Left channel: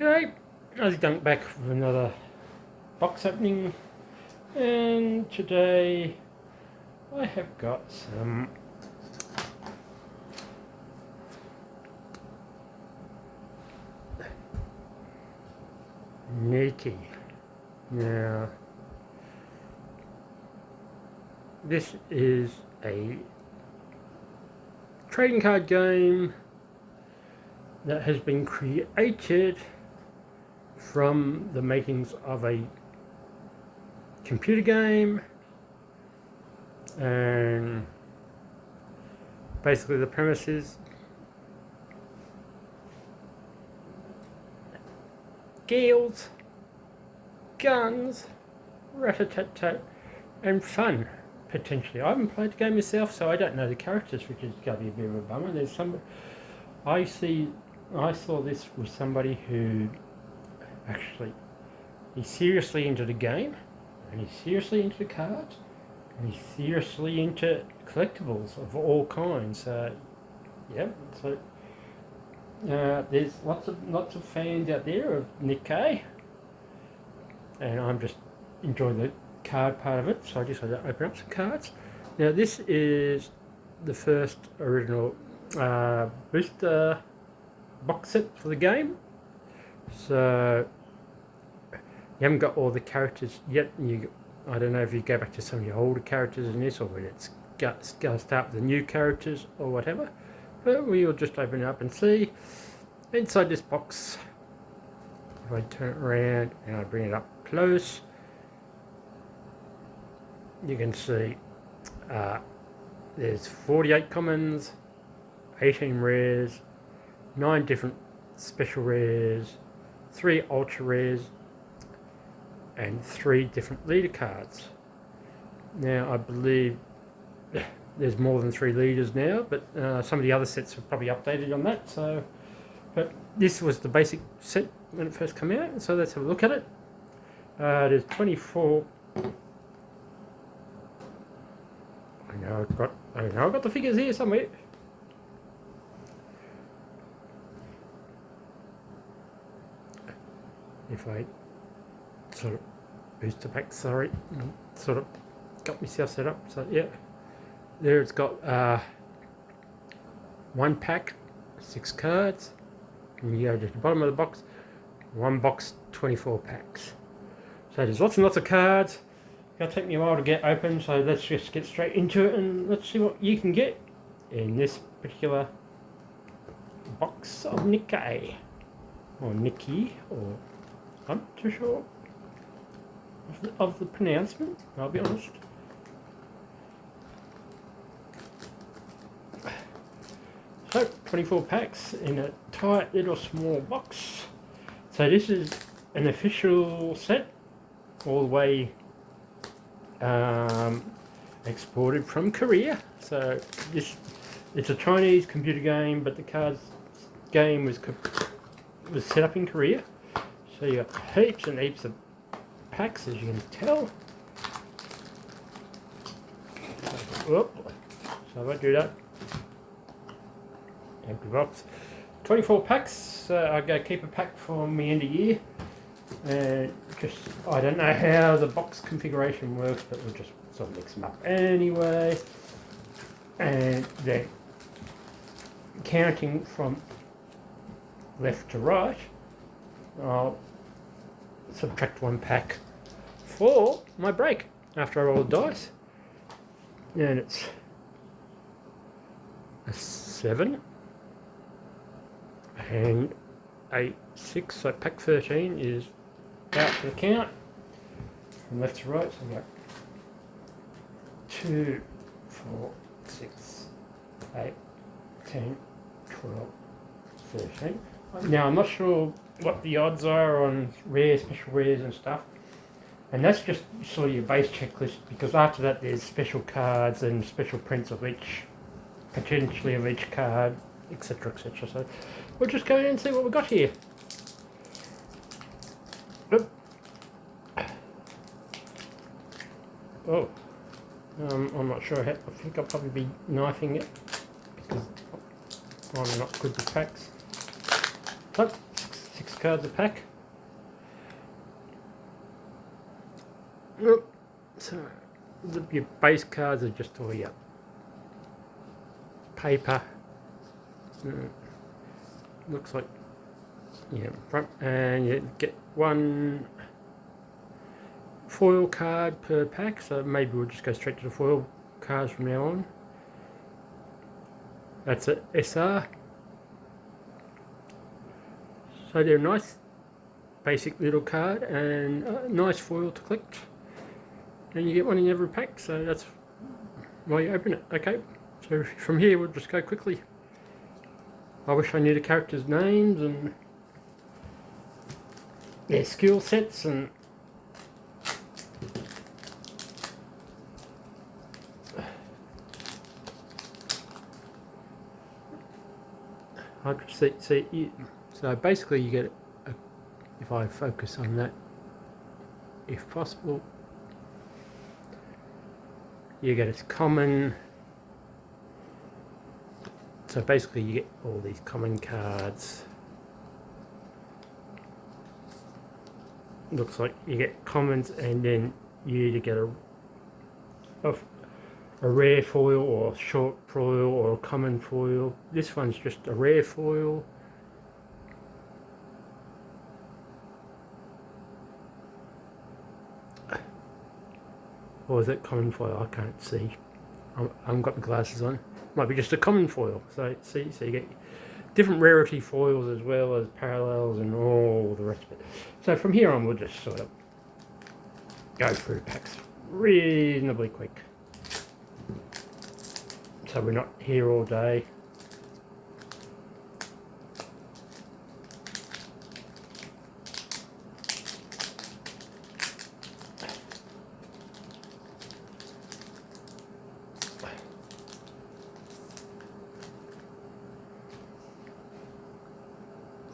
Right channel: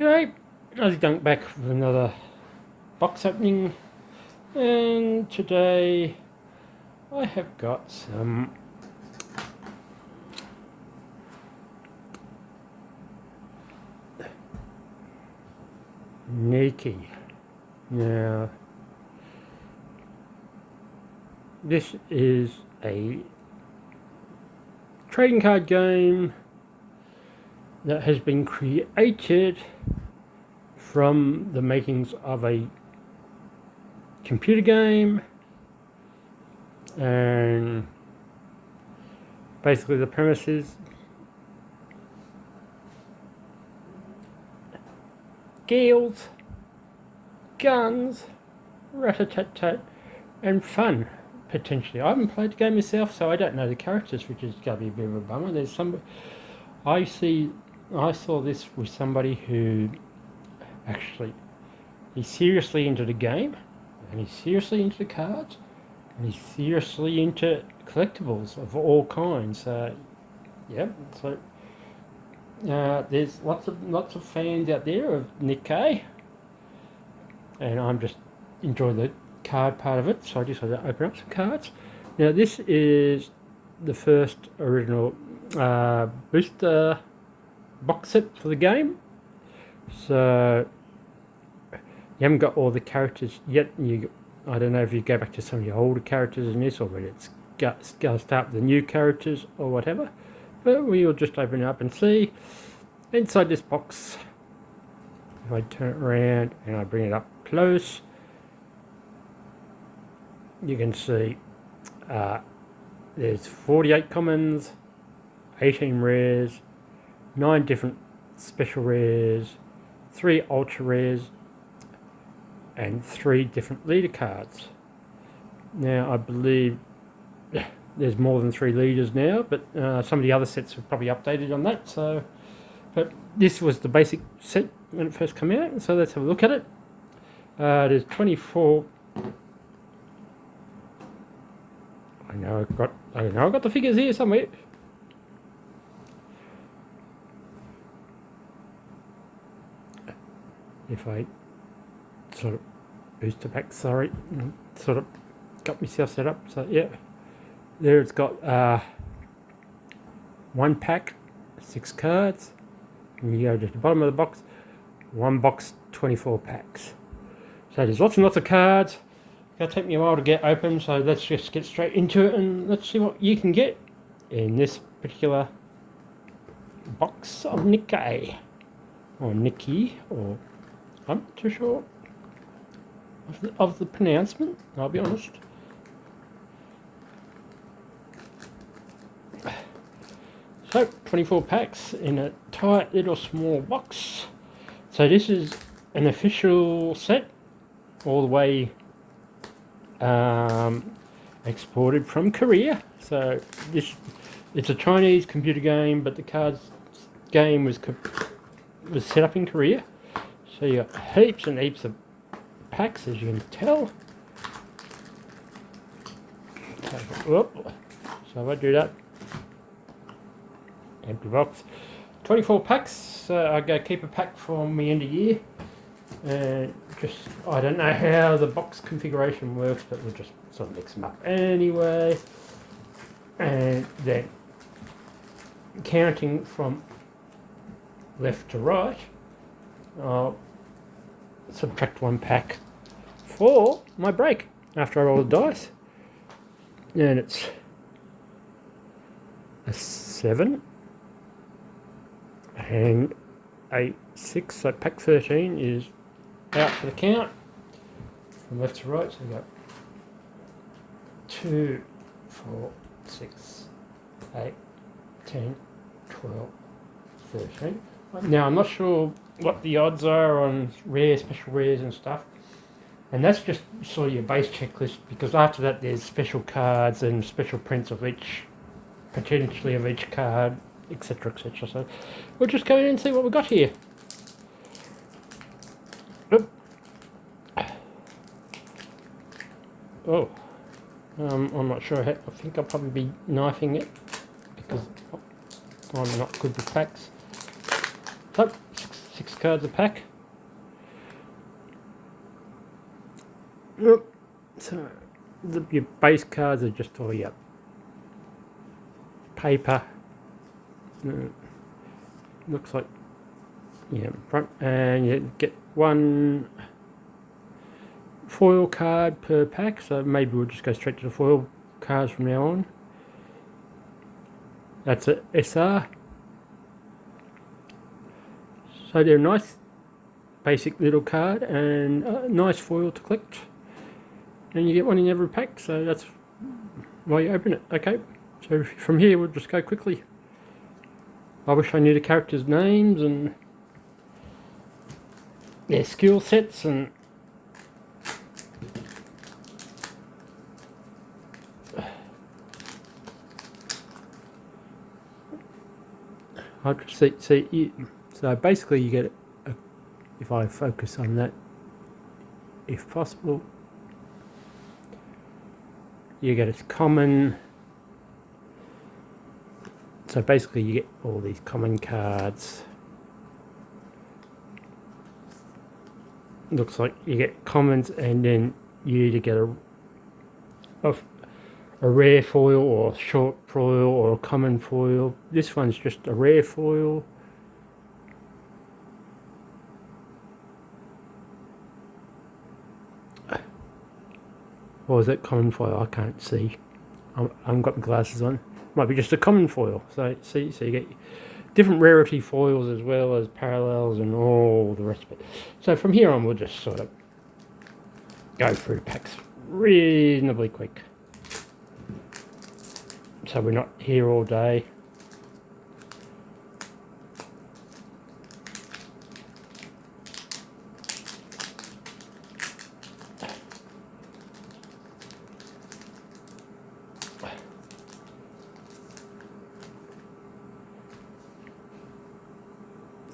Okay, as dunk back with another box opening, and today I have got some NIKKE. Now, this is a trading card game that has been created from the makings of a computer game, and basically the premise is girls, guns, rat-a-tat-tat, and fun, potentially. I haven't played the game myself, so I don't know the characters, which is going to be a bit of a bummer. There's some. I saw this with somebody who actually, he's seriously into the game, and he's seriously into the cards, and he's seriously into collectibles of all kinds. Yep. So there's lots of fans out there of NIKKE, and I'm just enjoying the card part of it. So I decided to open up some cards. Now this is the first original booster box set for the game. So you haven't got all the characters yet. I don't know if you go back to some of your older characters in this, or whether it's going to start with the new characters or whatever. But we'll just open it up and see. Inside this box, if I turn it around and I bring it up close, you can see there's 48 commons, 18 rares, 9 different special rares, 3 ultra rares, and 3 different leader cards. Now I believe there's more than 3 leaders now, but some of the other sets have probably updated on that. So, but this was the basic set when it first came out, so let's have a look at it. There's 24. I know I've got the figures here somewhere. If I sort of booster pack, sorry, sort of got myself set up. So yeah, there it's got 1 pack, 6 cards, and you go to the bottom of the box, 1 box, 24 packs. So there's lots and lots of cards. It's going to take me a while to get open, so let's just get straight into it and let's see what you can get in this particular box of NIKKE, or NIKKE, or I'm not too sure of the pronouncement, I'll be honest. So, 24 packs in a tight little small box. So this is an official set, all the way exported from Korea. So it's a Chinese computer game, but the cards game was set up in Korea. So you got heaps and heaps of packs, as you can tell. So I won't do that. Empty box. 24 packs. I go keep a pack for me end of year. And just, I don't know how the box configuration works, but we'll just sort of mix them up anyway. And then counting from left to right, I'll subtract 1 pack for my break after I roll the dice, and it's a 7 and a 6, so pack 13 is out for the count from left to right. So we got 2, 4, 6, 8, 10, 12, 13. Now I'm not sure what the odds are on rare, special rares and stuff, and that's just sort of your base checklist, because after that there's special cards and special prints of each, potentially of each card, etc, etc. So we'll just go in and see what we've got here. Oh, I'm not sure. I think I'll probably be knifing it because I'm not good with packs. So, 6 cards a pack. Yep. So your base cards are just all your paper. Looks like front, and you get one foil card per pack. So maybe we'll just go straight to the foil cards from now on. That's a SR. So they're a nice basic little card and a nice foil to collect. And you get one in every pack, so that's why you open it. Okay, so from here we'll just go quickly. I wish I knew the characters' names and their skill sets and I could see. So basically, you get if I focus on that, if possible, you get a common. So basically, you get all these common cards. Looks like you get commons, and then you either get a rare foil or a short foil or a common foil. This one's just a rare foil. Or is it common foil? I can't see. I haven't got my glasses on. Might be just a common foil. So so you get different rarity foils as well as parallels and all the rest of it. So from here on, we'll just sort of go through packs reasonably quick. So we're not here all day.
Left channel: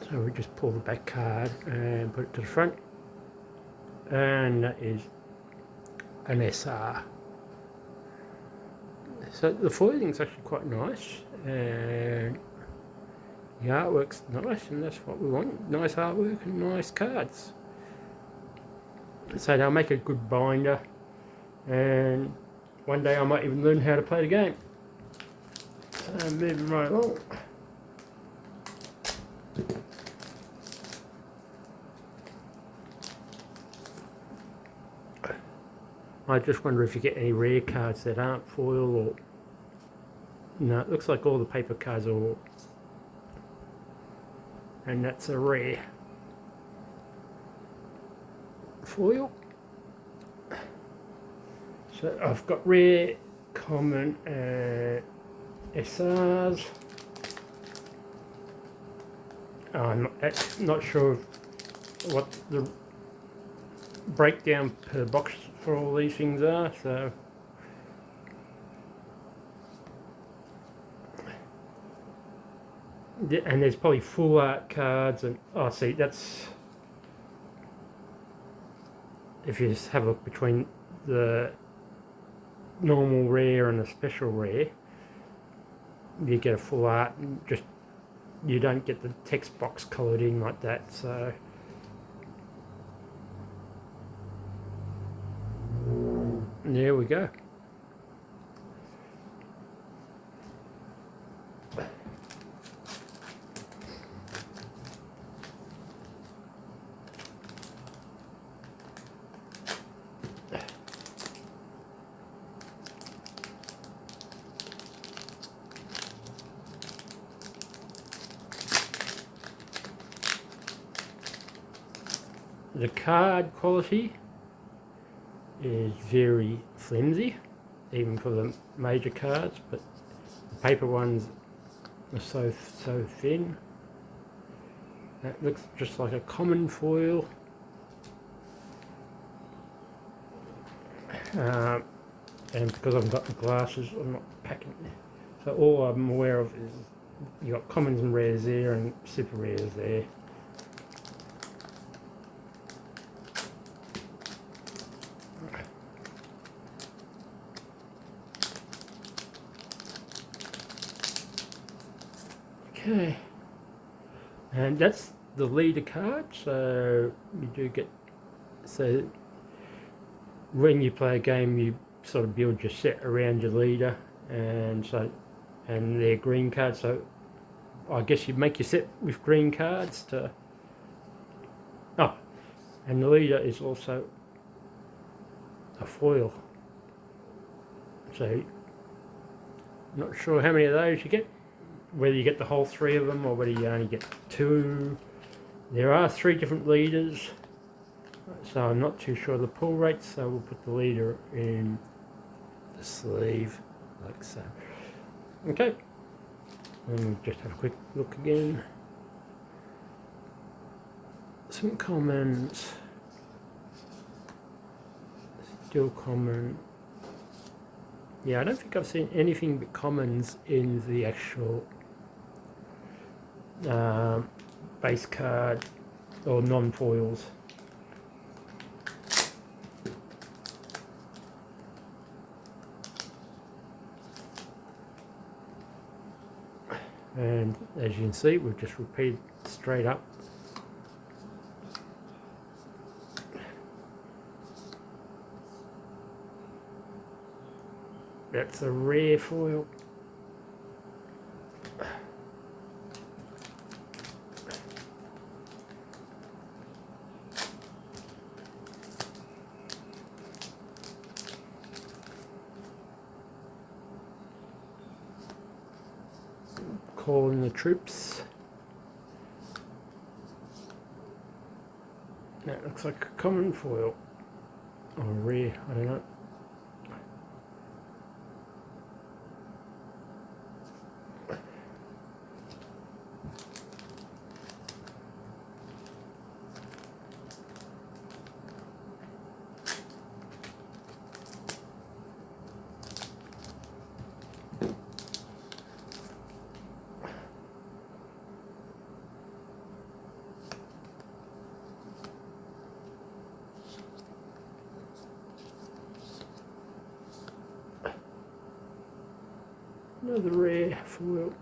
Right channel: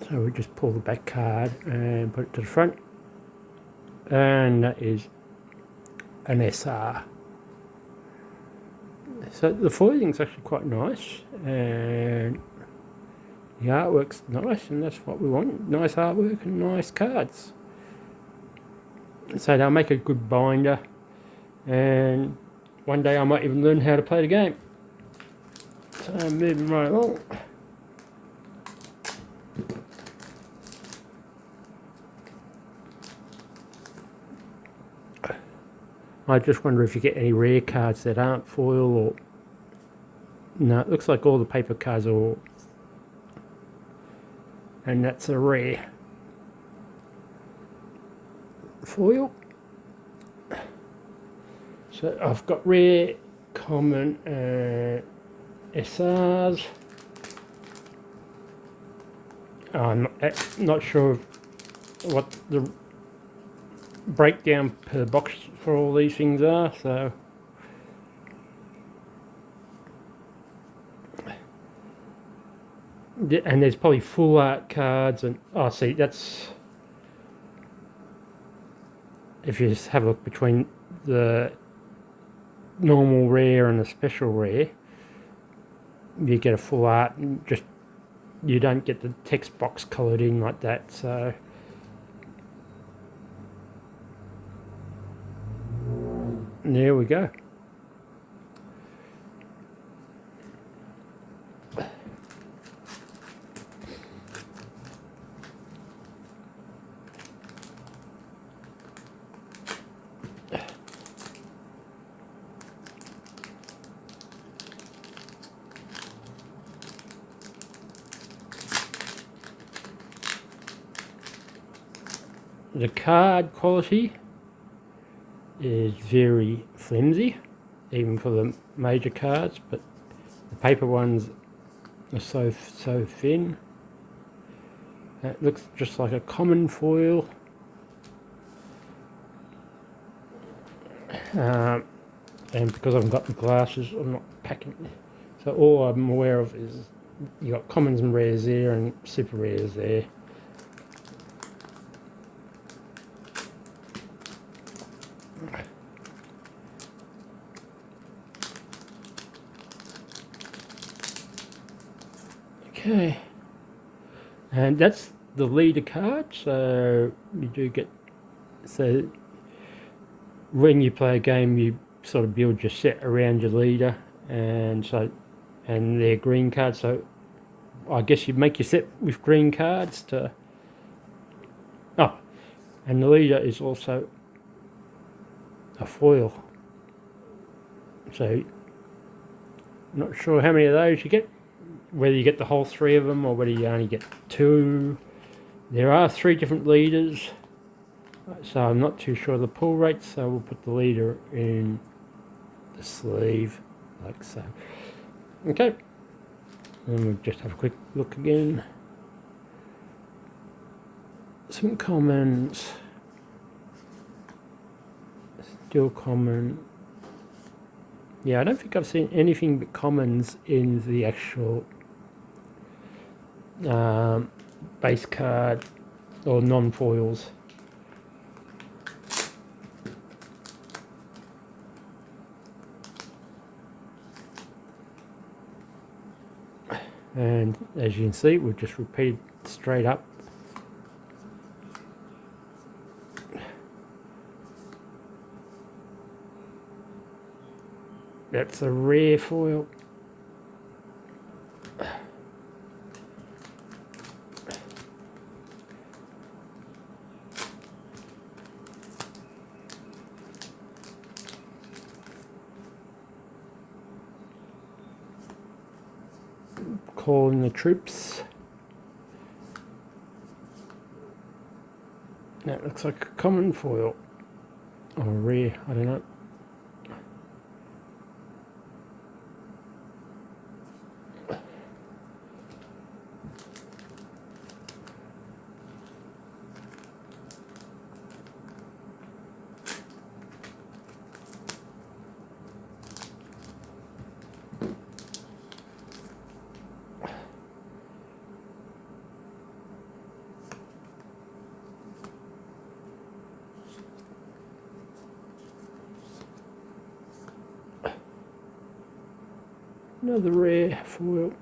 So we just pull the back card and put it to the front, and that is an SR. So the foiling is actually quite nice, and the artwork's nice, and that's what we want. Nice artwork and nice cards. So they'll make a good binder, and one day I might even learn how to play the game. So I'm moving right along. I just wonder if you get any rare cards that aren't foil or... No, it looks like all the paper cards are all... And that's a rare foil. So I've got rare, common, and SRs. I'm not sure what the breakdown per box for all these things are, so and there's probably full art cards, and oh, see, that's if you just have a look between the normal rare and the special rare, you get a full art, and just you don't get the text box coloured in like that. So there we go. The card quality is very flimsy, even for the major cards, but the paper ones are so thin. It looks just like a common foil. And because I've got the glasses, I'm not packing it. So all I'm aware of is you got commons and rares there and super rares there. Okay, and that's the leader card, so you do get, so when you play a game you sort of build your set around your leader, and they're green cards, so I guess you make your set with green cards to, oh, and the leader is also a foil, so I'm not sure how many of those you get, whether you get the whole 3 of them or whether you only get 2. There are 3 different leaders, so I'm not too sure the pull rates, so we'll put the leader in the sleeve like so. Okay, and we'll just have a quick look again. Some commons, still common. Yeah, I don't think I've seen anything but commons in the actual base card or non-foils. And as you can see, we'll just repeat straight up. That's a rare foil. Calling the troops. That looks like a common foil. Or rare, I don't know. Another rare foil.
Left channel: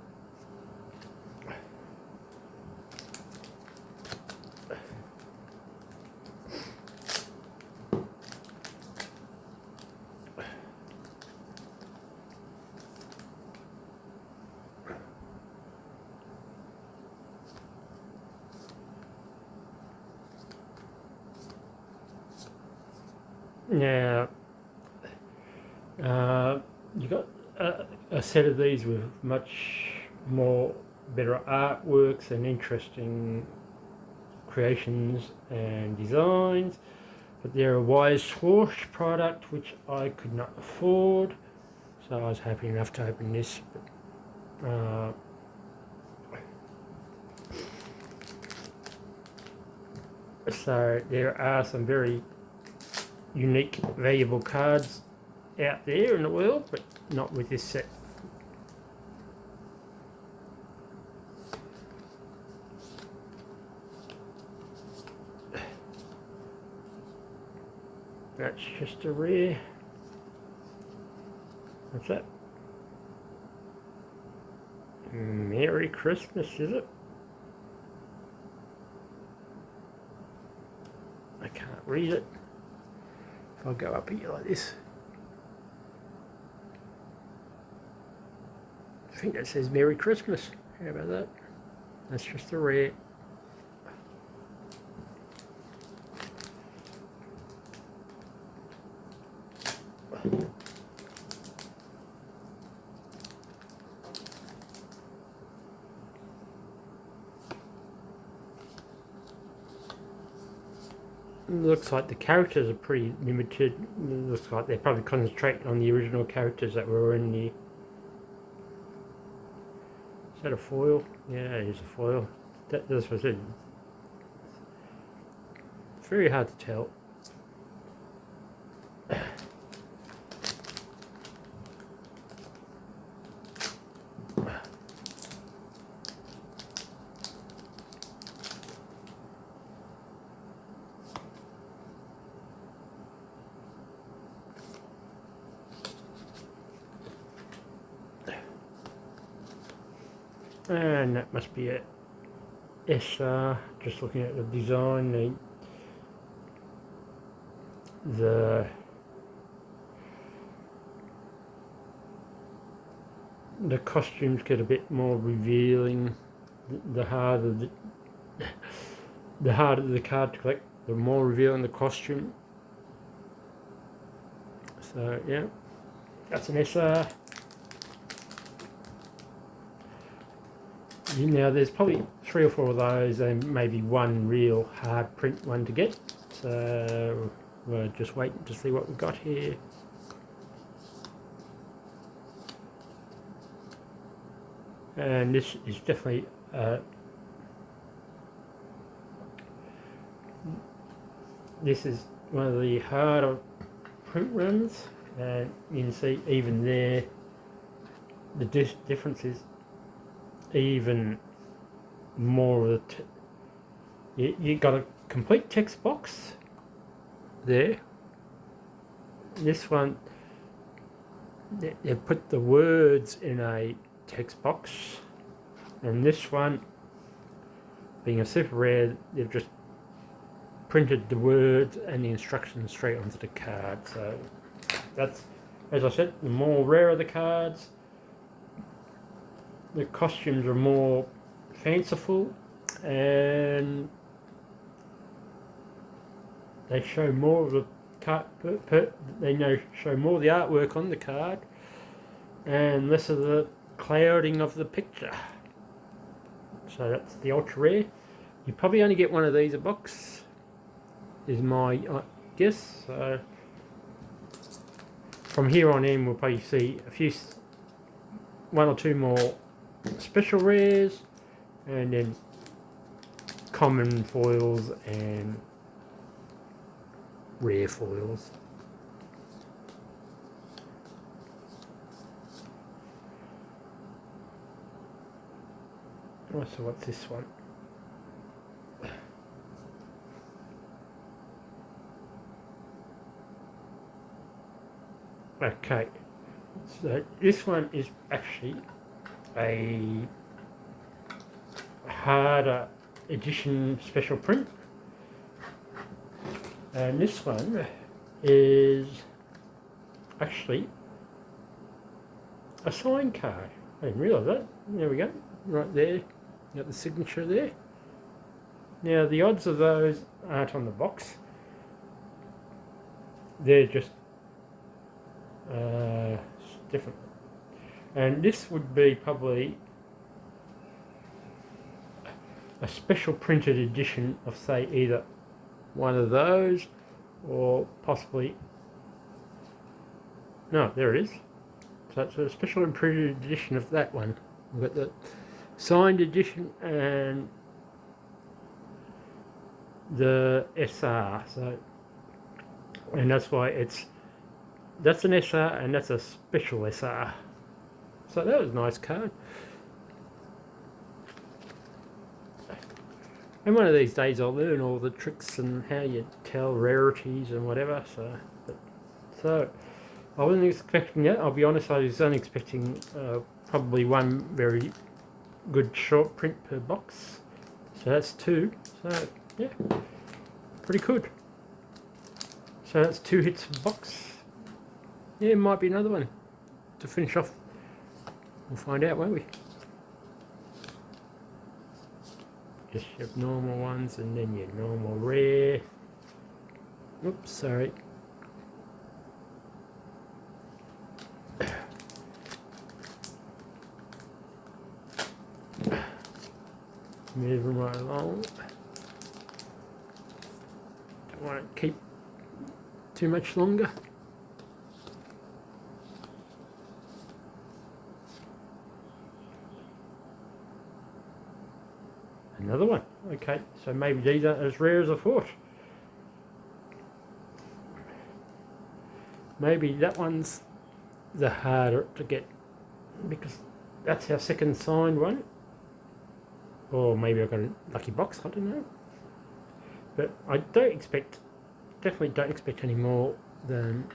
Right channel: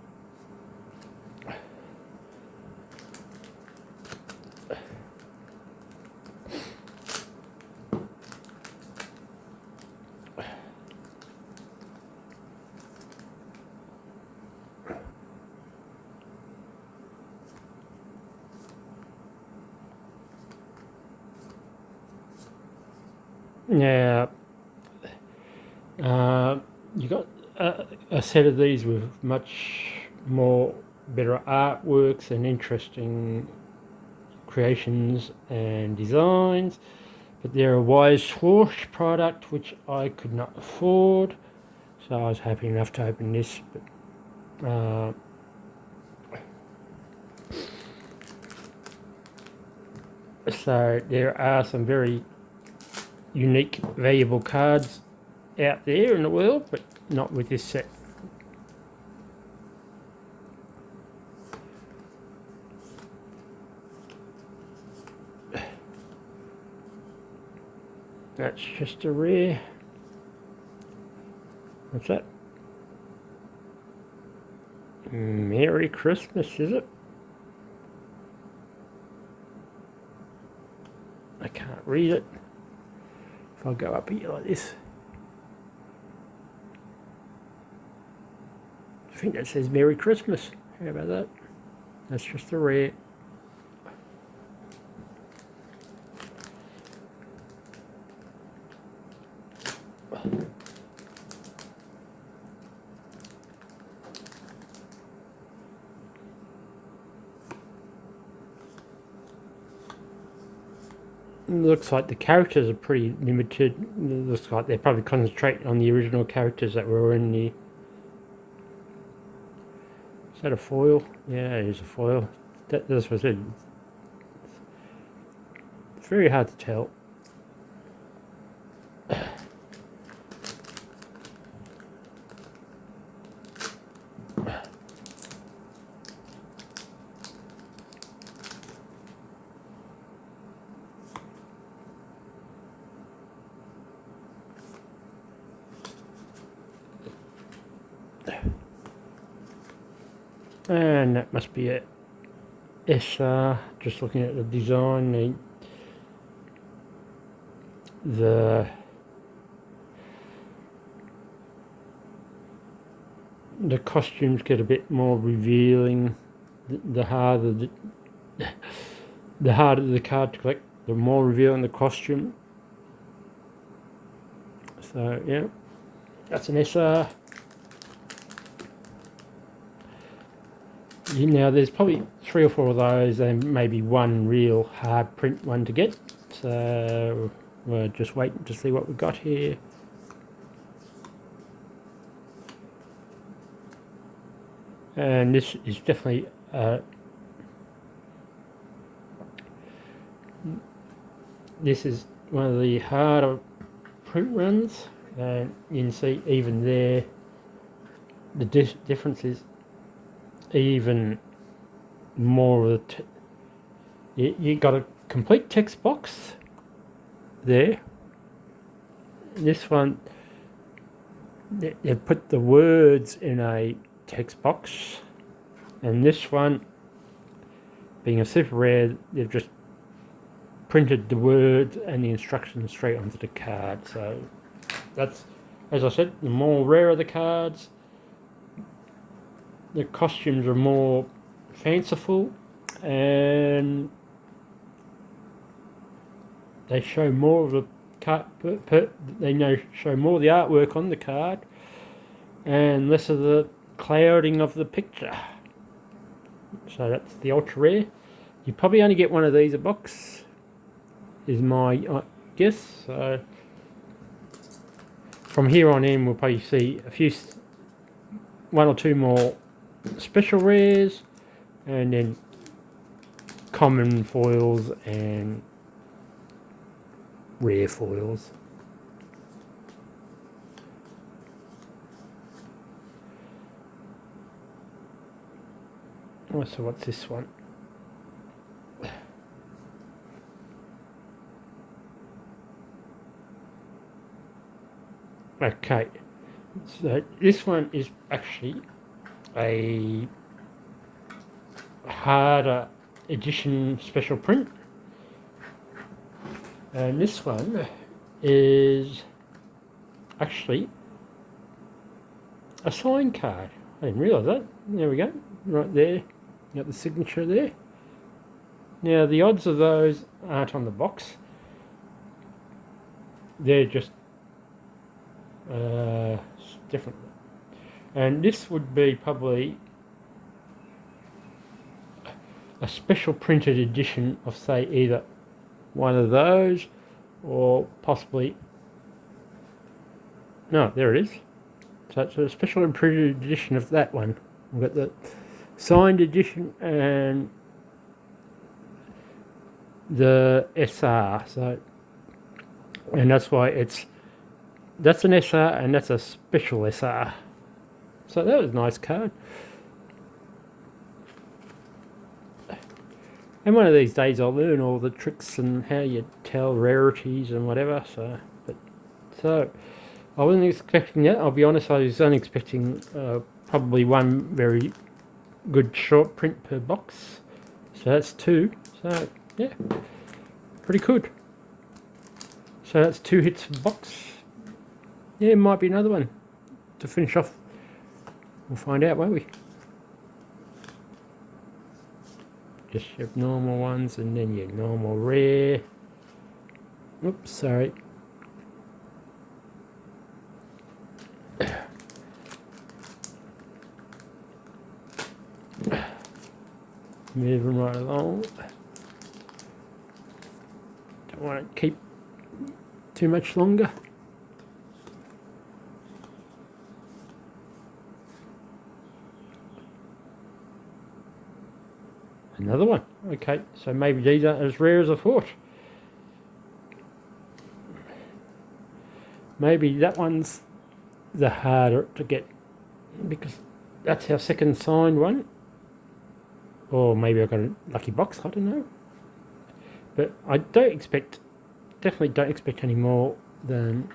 Now, you got a set of these with much more better artworks and interesting creations and designs, but they're a Wise Swoosh product which I could not afford, so I was happy enough to open this. But, so there are some very unique, valuable cards out there in the world, but not with this set. That's just a rare. What's that? Merry Christmas, is it? I can't read it. If I go up here like this, I think that says Merry Christmas. How about that? That's just a rare. Looks like the characters are pretty limited. Looks like they're probably concentrating on the original characters that were in the... Is that a foil? Yeah, it is a foil. That's what I said. It's very hard to tell. And that must be it. SR, just looking at the design, the costumes get a bit more revealing. The harder the card to collect, the more revealing the costume. So yeah, that's an SR. Now there's probably 3 or 4 of those and maybe one real hard print one to get. So we're just waiting to see what we've got here. And this is definitely this is one of the harder print runs, and you can see even there the difference is even more of the you got a complete text box there. This one they put the words in a text box, and this one, being a super rare, they've just printed the words and the instructions straight onto the card. So that's, as I said, the more rarer the cards, the costumes are more fanciful, and they show more of the card. They show more of the artwork on the card, and less of the clouding of the picture. So that's the ultra rare. You probably only get one of these a box, is my guess. So from here on in, we'll probably see one or two more special rares, and then common foils and rare foils. Oh, so what's this one? Okay, so this one is actually a harder edition special print, and this one is actually a sign card. I didn't realise that. There we go, right there. Got the signature there. Now the odds of those aren't on the box. They're just different. And this would be probably a special printed edition of, say, either one of those or possibly... No, there it is. So it's a special printed edition of that one. We've got the signed edition and the SR. So, and that's why that's an SR and that's a special SR. So that was a nice card. And one of these days I'll learn all the tricks and how you tell rarities and whatever. So I wasn't expecting that. I'll be honest, I was only expecting probably one very good short print per box. So that's 2. So yeah, pretty good. So that's 2 hits per box. Yeah, it might be another one to finish off. We'll find out, won't we? Just your normal ones and then your normal rare. Oops, sorry. Moving right along. Don't want to keep too much longer. Another one. Okay, so maybe these aren't as rare as I thought. Maybe that one's the harder to get because that's our second signed one. Or maybe I got a lucky box, I don't know. But I definitely don't expect any more than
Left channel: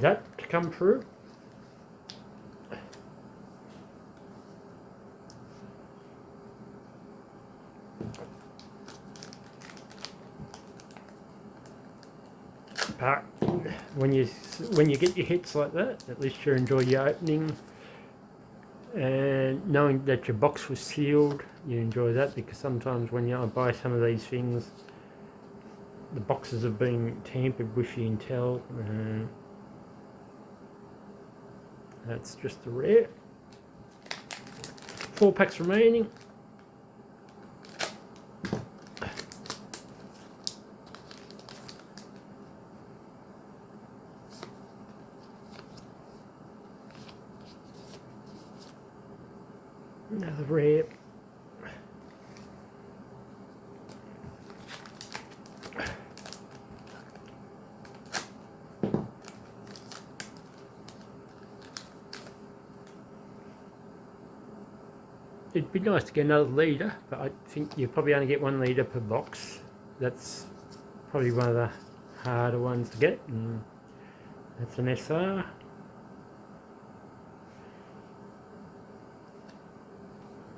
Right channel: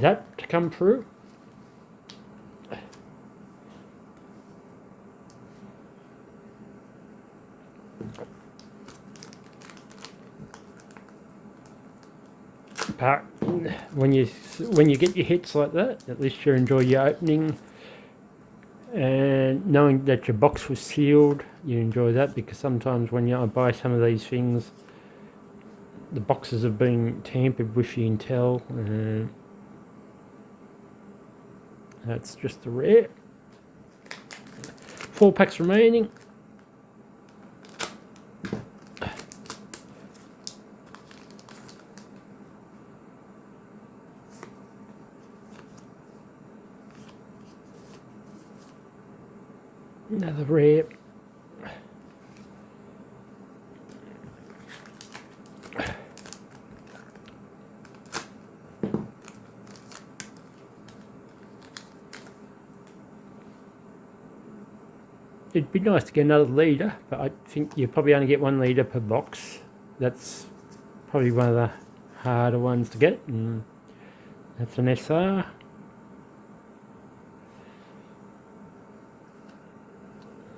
that to come through. But when you get your hits like that, at least you enjoy your opening, and knowing that your box was sealed, you enjoy that, because sometimes when you buy some of these things, the boxes have been tampered with, you can tell. That's just the rare. 4 packs remaining. Another rare. It'd be nice to get another leader, but I think you probably only get 1 leader per box. That's probably one of the harder ones to get, and that's an SR.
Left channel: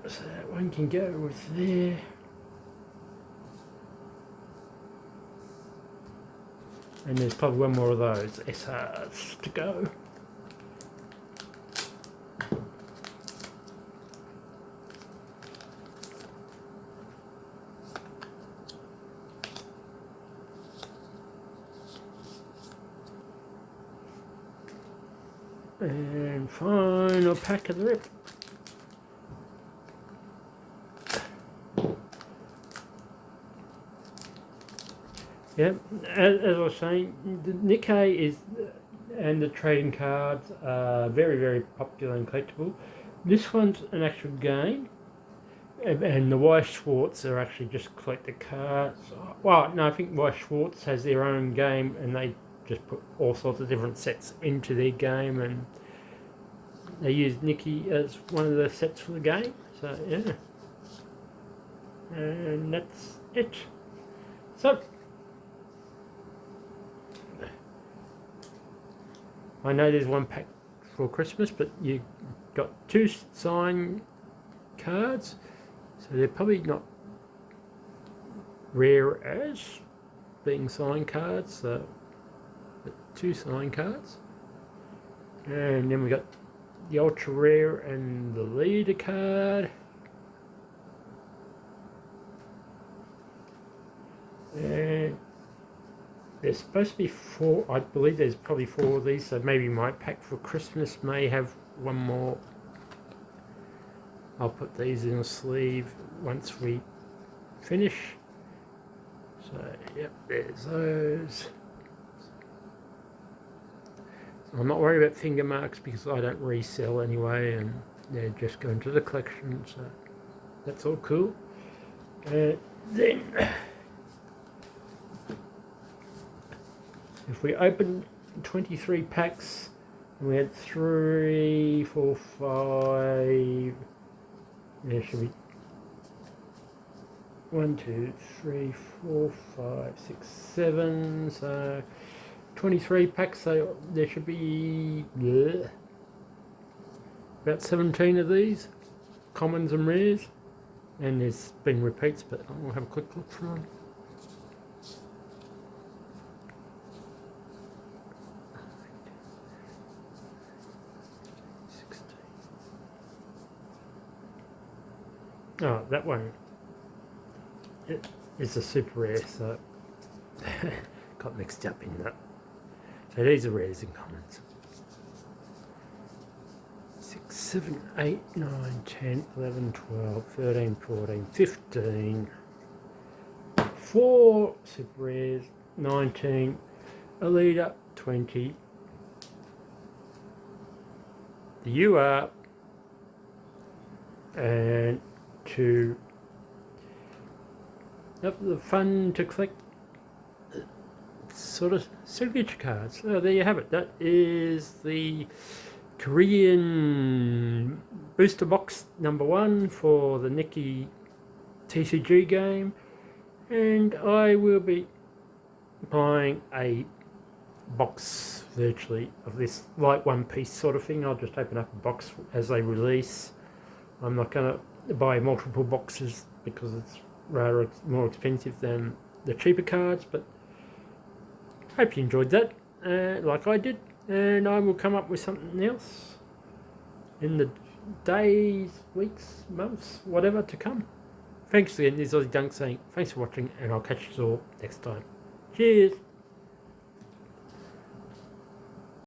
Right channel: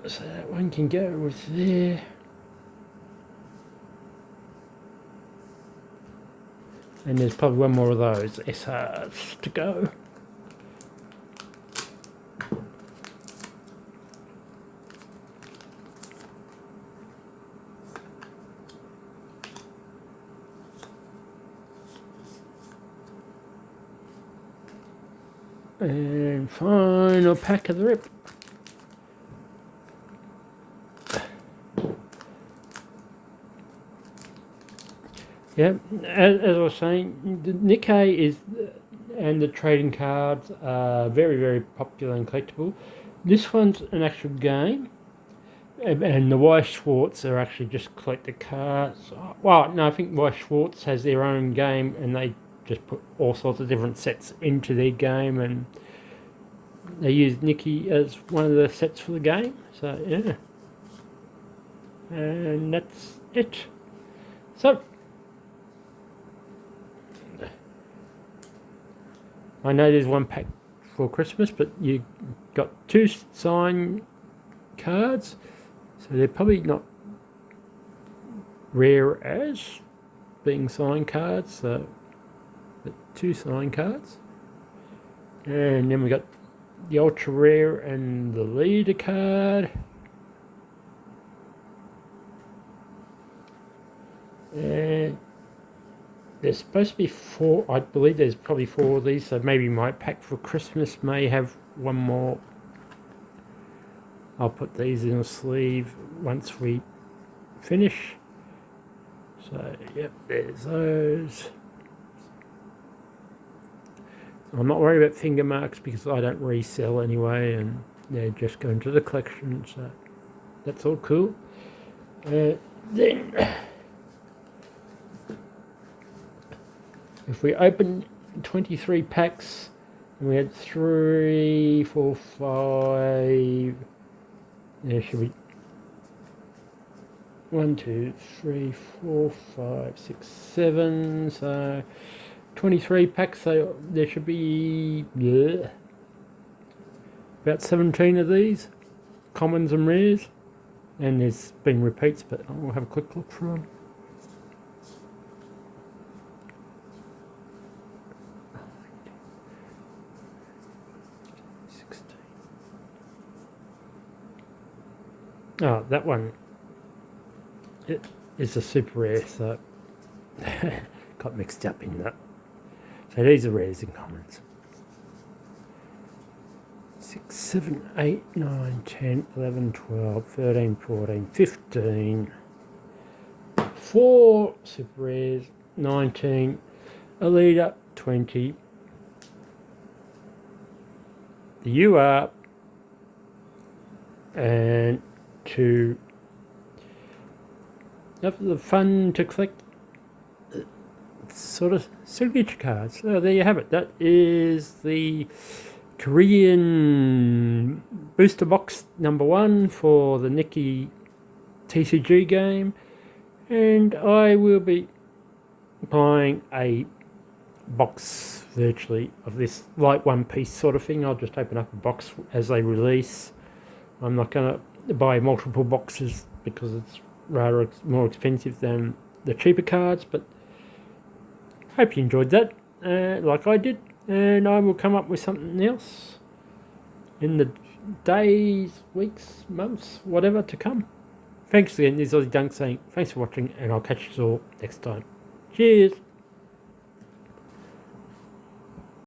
So that one can go with there. And there's probably 1 more of those SRs to go. And final pack of the rip. Yeah, as I was saying, the NIKKE is, and the trading cards are very, very popular and collectible. This one's an actual game, and the Weiss Schwarz are actually just collector cards. Well, no, I think Weiss Schwarz has their own game, and they just put all sorts of different sets into their game, and they use NIKKE as one of the sets for the game. So yeah, and that's it. So I know there's 1 pack for Christmas, but you got 2 signed cards, so they're probably not rare as being signed cards. So, but 2 signed cards, and then we got the ultra rare and the leader card, and there's supposed to be 4. I believe there's probably 4 of these, so maybe my pack for Christmas may have 1 more. I'll put these in a sleeve once we finish. So yep, there's those. So I'm not worried about finger marks because I don't resell anyway, and they're just going to the collection, so that's all cool. Then if we open 23 packs, we had 3, 4, 5. There should be 1, 2, 3, 4, 5, 6, 7. So 23 packs. So there should be about 17 of these commons and rares, and there's been repeats, but I'll have a quick look through them. Oh, that one, it is a super rare, so got mixed up in that. So these are rares and commons. 6, 7, 8, 9, 10, 11, 12, 13, 14, 15. 4 super rares, 19, a leader, 20. The UR, and 2 of the fun to collect sort of signature cards. So there you have it. That is the Korean booster box number 1 for the NIKKE TCG game, and I will be buying a box virtually of this like One Piece sort of thing. I'll just open up a box as they release. I'm not going to buy multiple boxes because it's rather more expensive than the cheaper cards, but hope you enjoyed that, like I did, and I will come up with something else in the days, weeks, months, whatever to come. Thanks again, this is Aussie Dunk saying thanks for watching, and I'll catch you all next time. Cheers!